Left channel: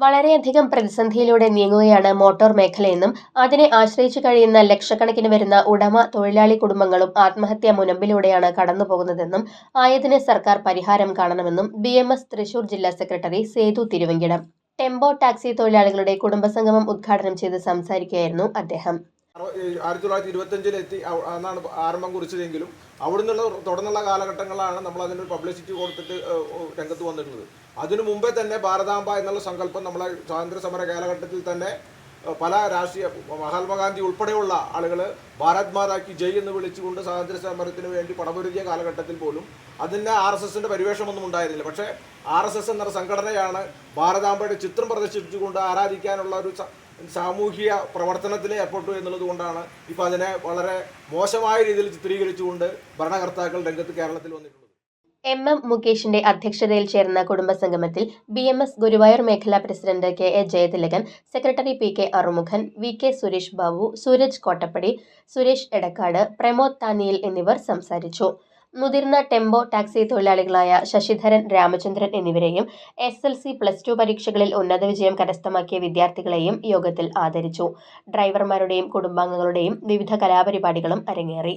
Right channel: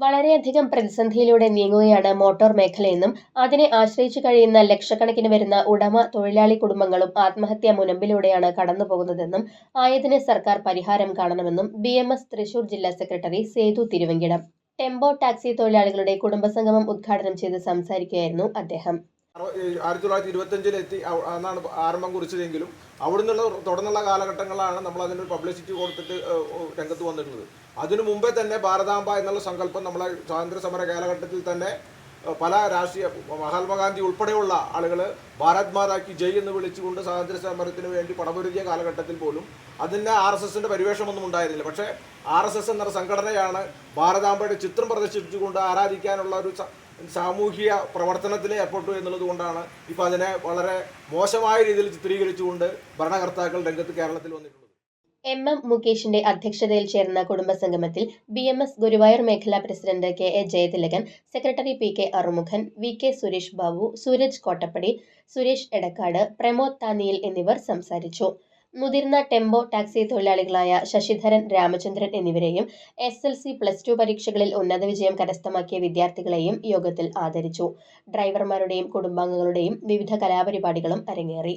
വളരെയധികം പ്രതിസന്ധിയിലൂടെ നീങ്ങുകയാണ് മോട്ടോർ മേഖലയെന്നും അതിനെ ആശ്രയിച്ചു കഴിയുന്ന ലക്ഷക്കണക്കിന് വരുന്ന ഉടമ തൊഴിലാളി കുടുംബങ്ങളും ആത്മഹത്യാ മുനമ്പിലൂടെയാണ് കടന്നുപോകുന്നതെന്നും ആയതിന് സർക്കാർ പരിഹാരം കാണണമെന്നും ബി തൃശൂർ ജില്ലാ secretary Sethu Thiruvankidam. Tempo taxi തൊഴിലാളികളുടെ കുടുംബസംഗമം ഉദ്ഘാടനം ചെയ്ത് സംസാരിക്കുകയായിരുന്നു അദ്ദേഹം. ആയിരത്തി തൊള്ളായിരത്തി ഇരുപത്തഞ്ചിൽ എത്തി അന്നാണ് ആരംഭം കുറിച്ചതെങ്കിലും അവിടെ നിന്നുള്ള തുടർന്നുള്ള കാലഘട്ടങ്ങളാണ് നമ്മൾ അതിനൊരു പബ്ലിസിറ്റി കൊടുത്തിട്ട് രംഗത്ത് വന്നിട്ടുള്ളത്. അതിനു മുമ്പേ തന്നെ ഭാരതാംബ എന്നുള്ള സങ്കല്പം നമ്മളെ സ്വാതന്ത്ര്യ സമര കാലഘട്ടത്തിൽ തന്നെ പല രാഷ്ട്രീയ മഹാത്മാഗാന്ധി ഉൾപ്പെടെയുള്ള ആളുകൾ ഭാരത് മാതാക്കി ജയ് എന്ന് വിളിച്ചുകൊണ്ട് സ്വാതന്ത്ര്യ സമരത്തിന് വേണ്ടി പടപൊരുതിയ കാലഘട്ടത്തിൽ പോലും അതിന് ആർ എസ് എസിന്റെ പരിവേഷമൊന്നും ഉണ്ടായിരുന്നില്ല. പക്ഷേ ആർ എസ് എസ് എന്ന സംഘടനയാണ് ഭാരതാംബയുടെ ചിത്രം പ്രദർശിപ്പിച്ചുകൊണ്ട് ആരാധിക്കാനുള്ള ഒരു സാമൂഹിക പ്രവർത്തനത്തിൽ ഏർപ്പെട്ടു എന്നുള്ളത് കൊണ്ടാണ് ഇപ്പോൾ അതിനെ വളരെ മോശമായ രീതിയിൽ ചിത്രീകരിച്ചുകൊണ്ട് ഭരണകർത്താക്കൾ രംഗത്ത് കേരളത്തിൽ വന്നിട്ടുള്ളത്. എം എം മുകേഷിന്റെ അധ്യക്ഷതയിൽ ചേർന്ന കുടുംബസംഗമത്തിൽ ബി എം എസ് ഗുരുവായൂർ മേഖലാ president K A Jayathilakan secretary P K Arumukhan V K Suresh Babu Sooraj Kottappadi Suresh Edakkad Pramod താനിയിൽ എന്നിവർ സംസാരിച്ചു. മുതിർന്ന ടെമ്പോ ടാക്സി തൊഴിലാളികളായ ശശിധരൻ രാമചന്ദ്രൻ എന്നിവരെയും S L C plus two പരീക്ഷകളിൽ ഉന്നത വിജയം കരസ്ഥമാക്കിയ വിദ്യാർത്ഥികളെയും യോഗത്തിൽ ആദരിച്ചു. ഡ്രൈവർമാരുടെയും കുടുംബാംഗങ്ങളുടെയും വിവിധ കലാപരിപാടികളും അരങ്ങേറി.